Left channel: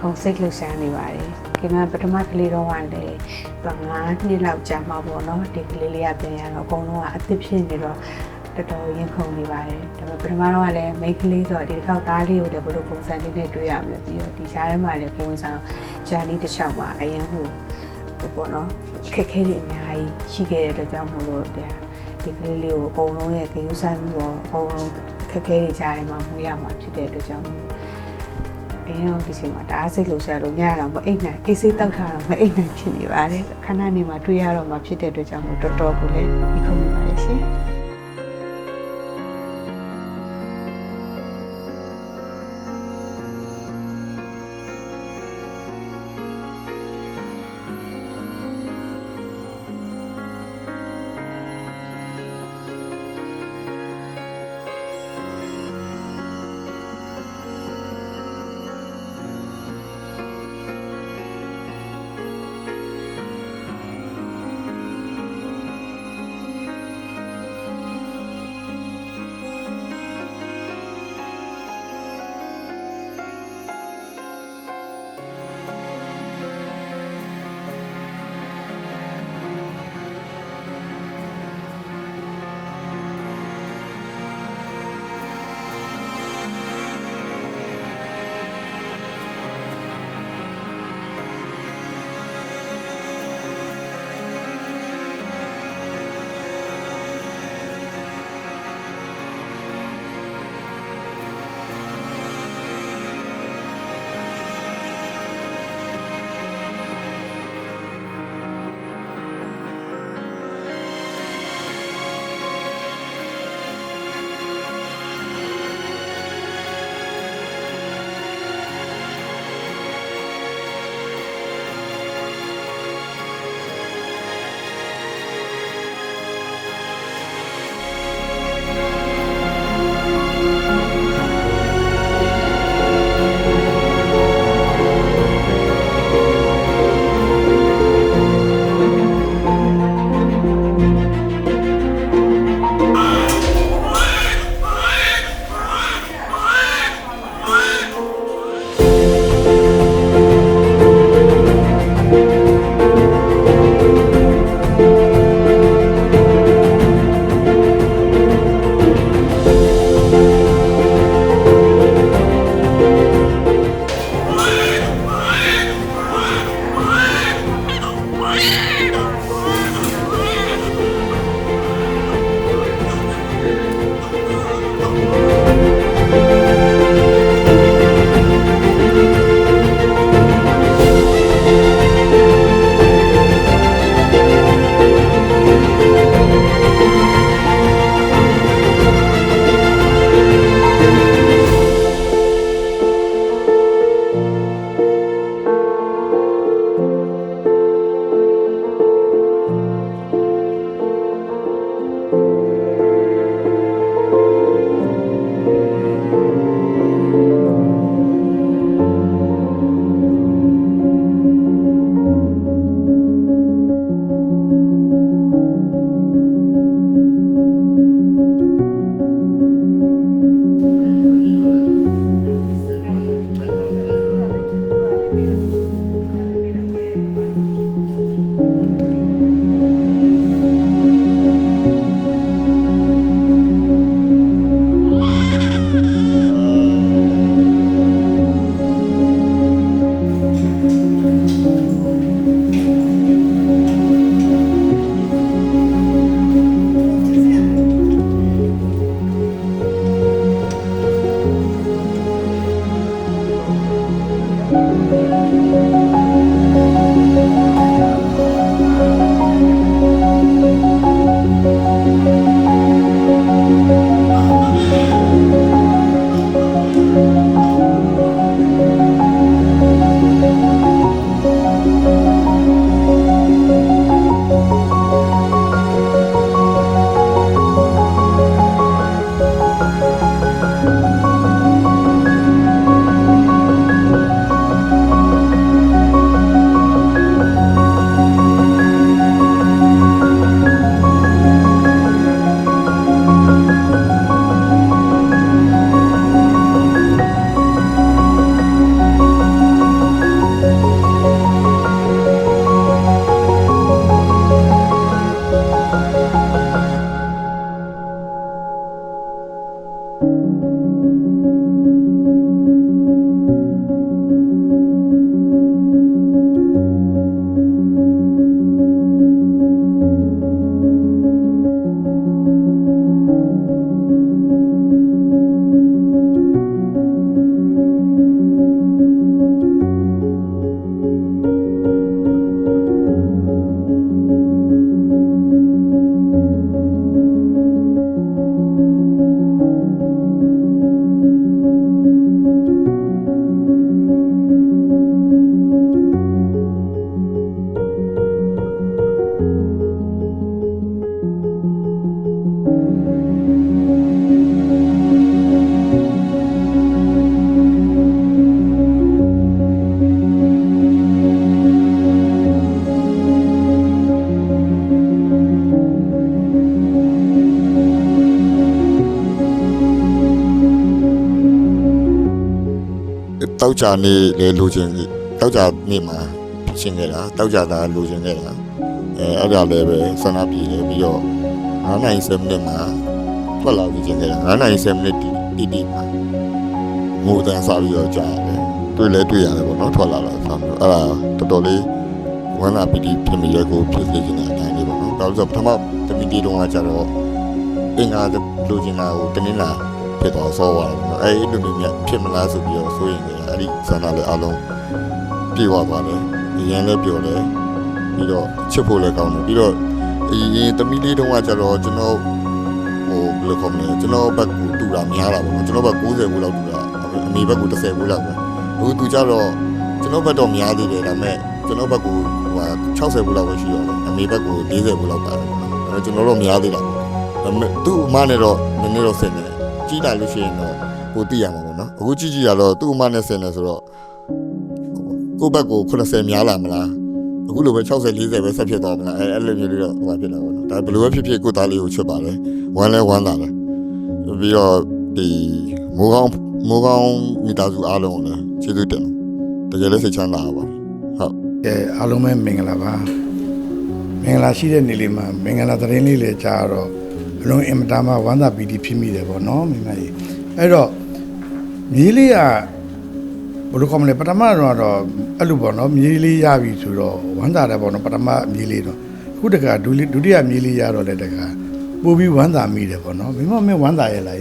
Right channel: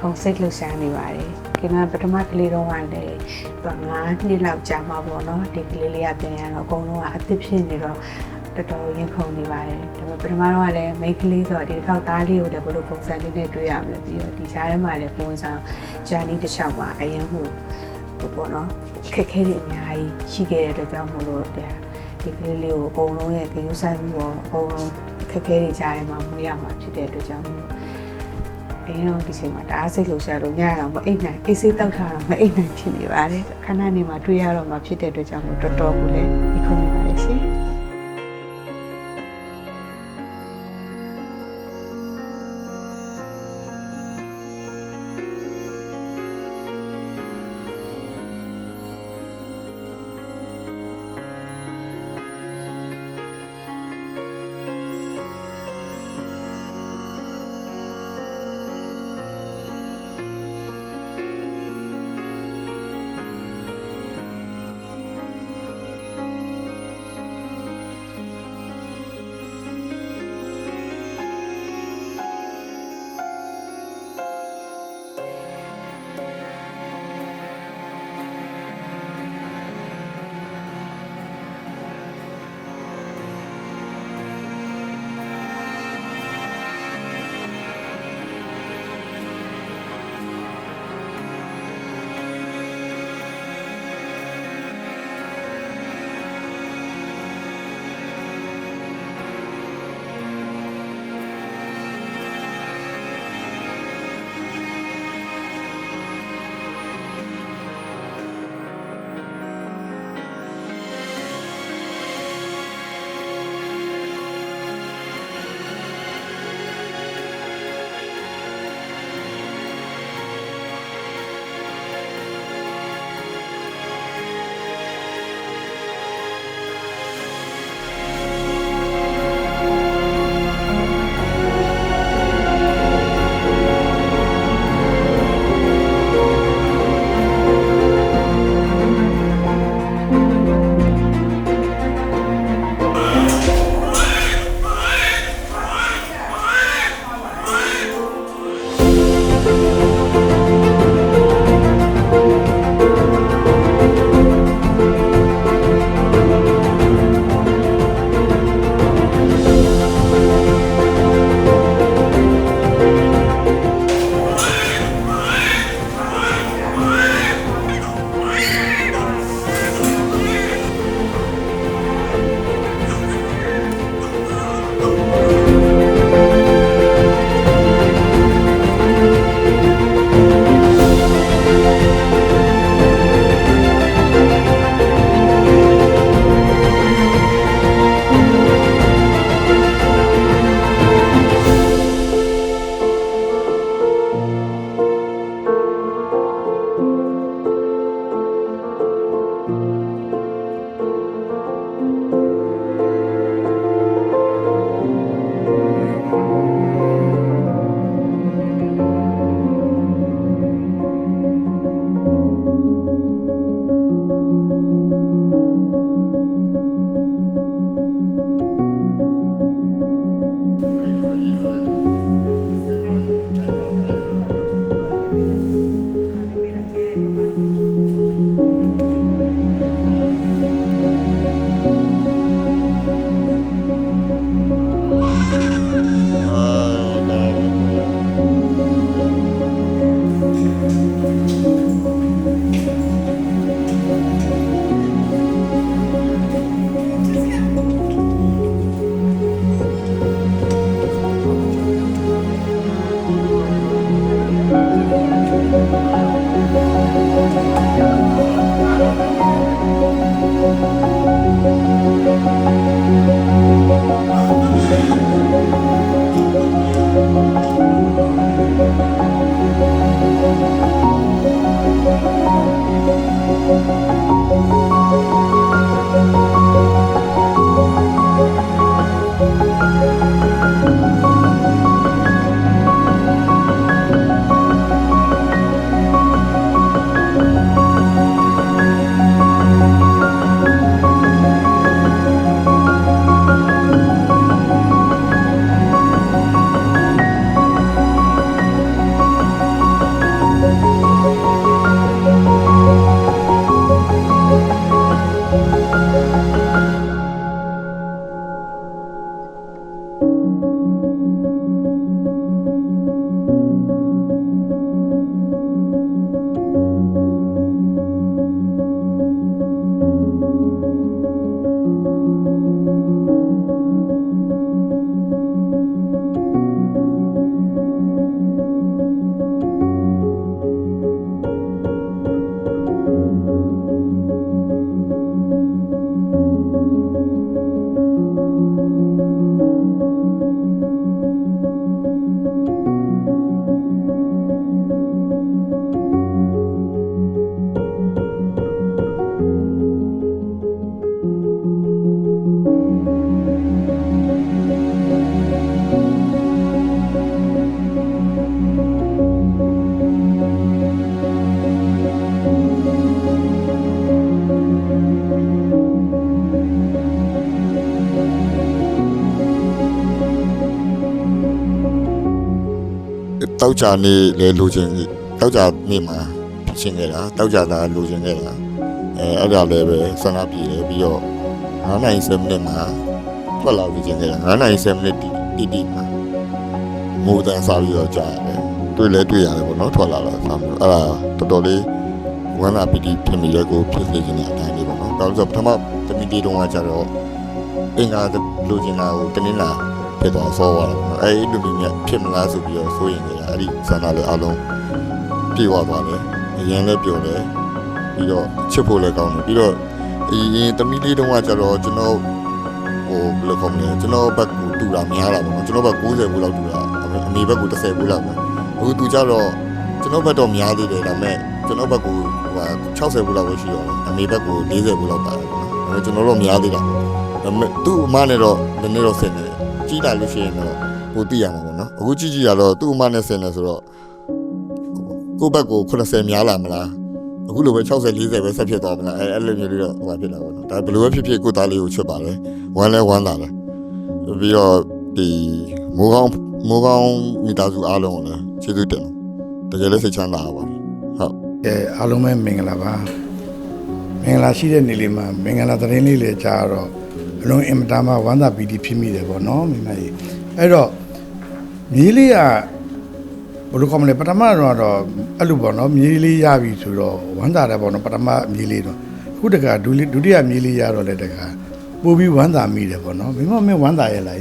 ခုန်စိတ်လှုပ်ရှားနေပါတယ်။ခင်ဗျာပထမကလေးတော့ကလည်း9 နှစ်လောက်ကြာမှာပေါ့နော်ဒီကလေးလေးကပြန်ရတော့အကုန်လုံးကအသစ်ဖြစ်နေတော့တော်တော်ရင်ခုန်နေပါတယ်။ဒါပေမဲ့ပထမတော့ကလည်းမိန်းကလေးဆိုတော့ဒီတစ်ခေါက်သားလေးကိုလည်းဘယ်လိုပုံစံလေးနဲ့တွေ့ရမလဲပြီးတော့ဒီကြားထဲမှာလည်းပုံစံဂျာနီတစ်ချောင်းမှာအရင်ဟိုပေါ့နော်ခက်ခဲတဲ့အများကြီးရှိခဲ့တဲ့အတွက်ကြောင့်မို့လို့ဒီကလေးလေးကိုအကုန်လုံးရဲ့ဂရုစိုက်မှုရောအကုန်လုံးခက်ခဲတွေကြားထဲမှာမွေးရမှာဖြစ်တဲ့အတွက်ကြောင့်မို့အရင်တော့ဒီချိန်မှာတအားစိတ်လှုပ်ရှားလို့ညတော့မအိတ်နိုင်အေးစိတ်တောက်ထားတော့မအိတ်နိုင်ဖြစ်နေပါတယ်ခဏနေမှာတွေ့ရတော့မှဖြစ်တဲ့အတွက်ကြောင့်မို့တော်တော်ကိုလည်းဒီခုံနေပါတယ်ရှင် တောက်ကြနေလေလိုချင်တောက်ကြနေမှာရှင်းခဲ့တာတောက်ကြတာလိုချင်ခဲ့တာအဲ့ဒါလည်းပဲဆန္ဒပြေတယ်ပြီးတော့9နိုင်7မိနစ်မှာထွက်လာပြီးချင်းခဲ့တာ9နိုင်7မိနစ်တီမှာမိုးတန်းစားပြီးတော့ကြာတယ်တွေ့လဲတွေ့ရတယ်ပေါ့နော်ထွက်လာတော့ဆက်မျိုးအဲ့ဒါတော်တော်လေးဝမ်းသာပီတိဖြစ်မိရဲကိုဖြစ်စေချင်တဲ့အတိုင်းလေးပေါ့နော်ဒါဆိုပထမတမီတီတုန်းကကြတော့အင်္ဂါလိုချင်တာကိုတနင်္လာဖြစ်သွားဆောသွားတယ်ပေါ့နော်အဲ့ဒီလိုမျိုးဖြစ်မလားဆိုပြီးတော့စိုးရင်နေတာအဲ့ဒီဆန္ဒလေးအလုံးပြေဝသွားတယ်အရင်လည်းပြောတယ်ပြီးတော့ချစ်ဖို့လည်းကောင်းတယ်ပြီးတော့အရင်တမီလေးတုန်းကကြတော့ကျွန်တော်ဟိုဘယ်လိုခေါ်မလဲကျွန်တော်ဘက်ကိုတူတာများတာပေါ့နော်ကျွန်တော်ဘက်90ဘူးလောက်တူတာအမေဘက်ကို10ဘူးလောက်ပဲအခုသူကြတော့ကျွန်တော်ဘက်တော့များသေးတယ်ဒါပေမဲ့ကျွန်တော်ဘက်ကို60ဘူးလောက်ပဲရှိတော့တယ်အမေဘက်ကို40ဘူးလောက်ပါတယ်ပေါ့နော်ဒါပေမဲ့ကျွန်တော်တို့များသေးတာပေါ့ဒါပေမဲ့သူ့အမနဲ့တော့နည်းနည်းတော့ဆင်တယ်ကြီးလာလို့ရှိရင်တော့ပိုသိရမှာပေါ့နော်အခုကြီးရတော့သူ့အမနဲ့ဆင်တယ်ဆိုတော့ကိုယ့်ဘက်ကို80များလာမလားအခုလိုပဲ60 40ပဲဆက်ဖြစ်သွားမလားအဲ့လိုမျိုးလေးတော့ဟိုဖြစ်လာပေါ့နော်ဒါဘယ်လိုပဲဖြစ်ဖြစ်ကိုသားလေးကိုချစ်ပါတယ်ဝမ်းလဲဝမ်းသာတယ်ပြီးတော့ဒီမိုးကောင်းမိသားစုအားလုံးကိုလည်းကျေးဇူးတင်တယ်တကယ်လည်းစိတ်ချမ်းသာပါဟုတ်အားလုံးပဲမင်္ဂလာပါမင်္ဂလာရှိတဲ့နေ့လေးမှာမင်္ဂလာသတင်းလေးလည်းကြားတော့အလုံးအင်မတန်မှဝမ်းသာပီတိဖြစ်မိတယ်ပေါ့နော်မိမကြီးအဲ့တော့မြေးလေးကဘယ်လိုခေါ်မလဲပထမတော့အဲ့လိုပေါ့နော်မြေးလေးရပြီဆိုတော့ဝမ်းသာတယ်ပေါ့နော်ပထမမြေးလေးတော့အခုတခါဒုတိယမြေးလေးရတော့လည်းတခါပို့ပြီးဝမ်းသာမိတယ်ပေါ့နော်မိမမင်းဝမ်းသာရဲ့လား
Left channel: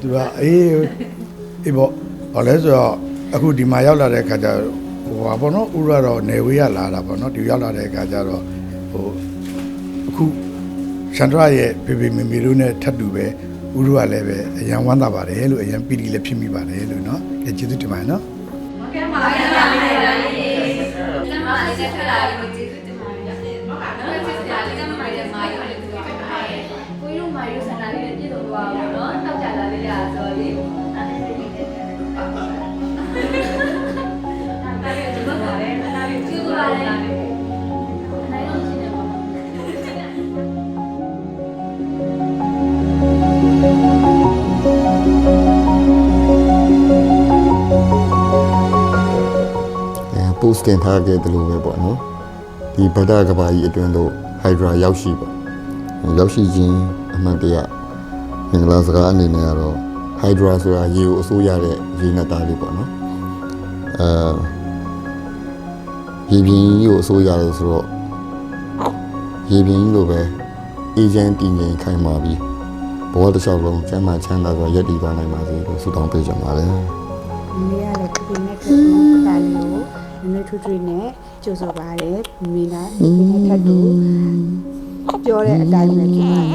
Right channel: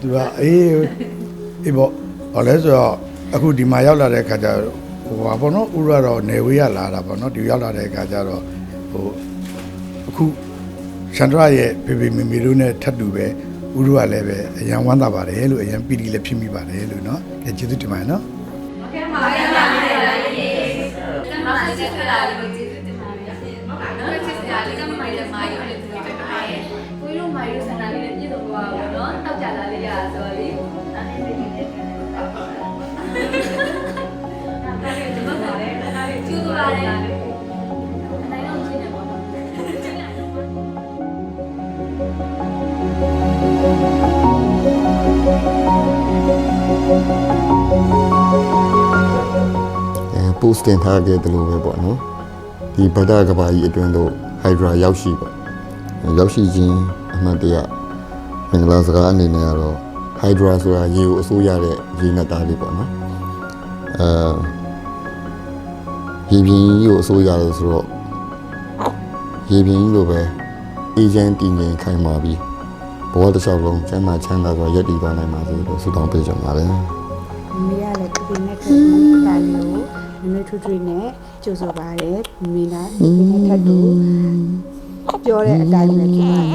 သူကအေးပေါ့ဘာလဲဆိုတော့အခုဒီမှာရောက်လာတဲ့အခါကျဟိုပါပေါ့နော်ဥရတော့နေဝေးရလာတာပေါ့နော်ဒီရောက်လာတဲ့အခါကျတော့ဟိုအခုရှန္ဒရရဲ့ဖေဖေမေမေတို့နဲ့ထပ်တူပဲဥရကလည်းပဲအရန်ဝမ်းသာပါတယ်လို့အရန်ပီတိလည်းဖြစ်မိပါတယ်လို့နော်ကျေးဇူးတင်ပါတယ်နော်ဟုတ်ကဲ့ပါကျေးဇူးတင်ပါတယ်ကျွန်မလည်းကျေးဇူးတင်ပါတယ်ဟုတ်ပါတော့ကျေးဇူးတင်ပါတယ်ကျွန်မလည်းမာယူလည်းကျေးဇူးတင်ပါတယ်ကိုကြီးတို့မာယူဆန္ဒလေးနဲ့ပြည့်စုံသွားပါတော့နော်တောက်ကြလာလေးရဆိုတော့လေအဲ့ဒီလေးနဲ့ကျေးဇူးပါတယ်အဲ့ဒါလေးကျေးဇူးပါတယ်အနိုင်တော့ရှင်းနေပါတော့ပို့စတင်ထားခဲ့တယ်လို့ပဲပေါ့နော်ဒီဗဒကဘာကြီးအတွင်းသို့ဟိုက်ဒရာရောက်ရှိပေါ့ရောက်ရှိခြင်းအမှန်တရားမင်္ဂလာစကားအနေနဲ့ကတော့ဟိုက်ဒရာဆိုတာရေကိုအစိုးရတဲ့ရေနက်သားလေးပေါ့နော်ရေပြင်းကြီးကိုအစိုးရတယ်ဆိုတော့ရေပြင်းကြီးလိုပဲအေဂျင့်တင်ရင်ခိုင်မာပြီးဘဝတစ်လျှောက်လုံးကျမ်းမာချမ်းသာစွာရပ်တည်သွားနိုင်ပါစေလို့ဆုတောင်းပေးကြပါတယ်မမေကလည်းဒီနေ့ထပ်တူတာလေးကိုနည်းနည်းထွေးနဲ့ကြိုဆိုပါတယ်မင်းလားဒီနေ့ထပ်တူပြောတဲ့အတိုင်းပဲဖြစ်ပါလိမ့်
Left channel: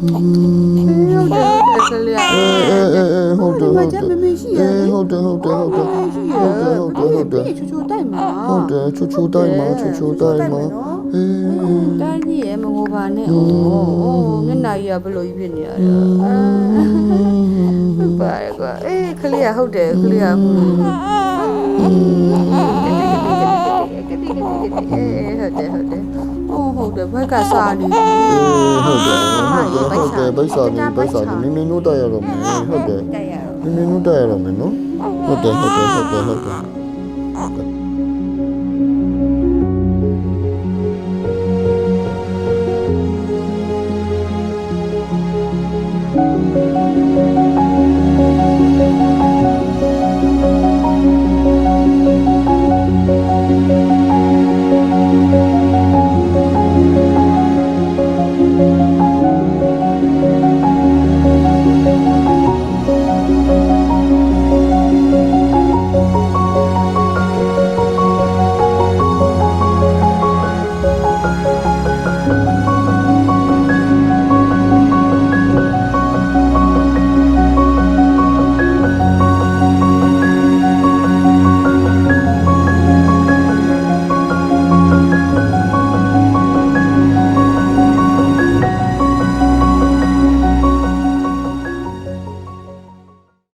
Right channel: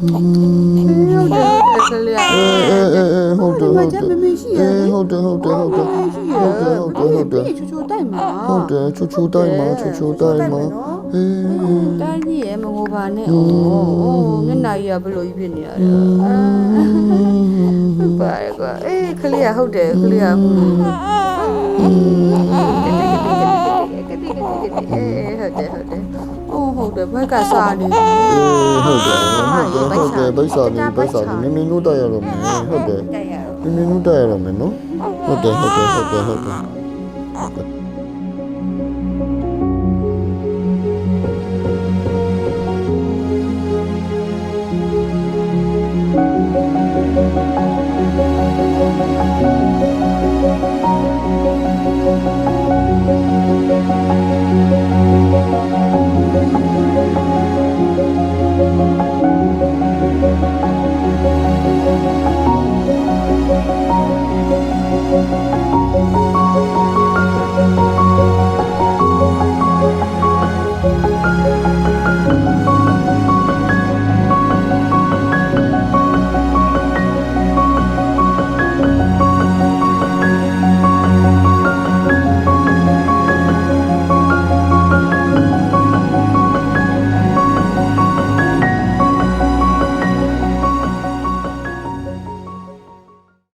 မယ်ဟုတ်တယ်မကြမမရှိရဟုတ်တယ်ချူချူတိုက်မှာဟုတ်တယ်ချူချူတိုက်မှာတိုင်းကြီးရဲ့မငိုပါနဲ့ဩမျက်နှာကြီးကဘလို့ကြီးဖြစ်နေရတာဟုတ်ပါရဲ့ကွာခလေးကဟုတ်တယ်ခလေးကဟုတ်တယ်ဘက်ကစားနေဟုတ်တယ်ဘိုက်စားနေနင်းနုတိုက်ရတော့မယ်ဟုတ်တယ်နင်းနုတိုက်ရတော့မယ်နော်ဟုတ်တယ်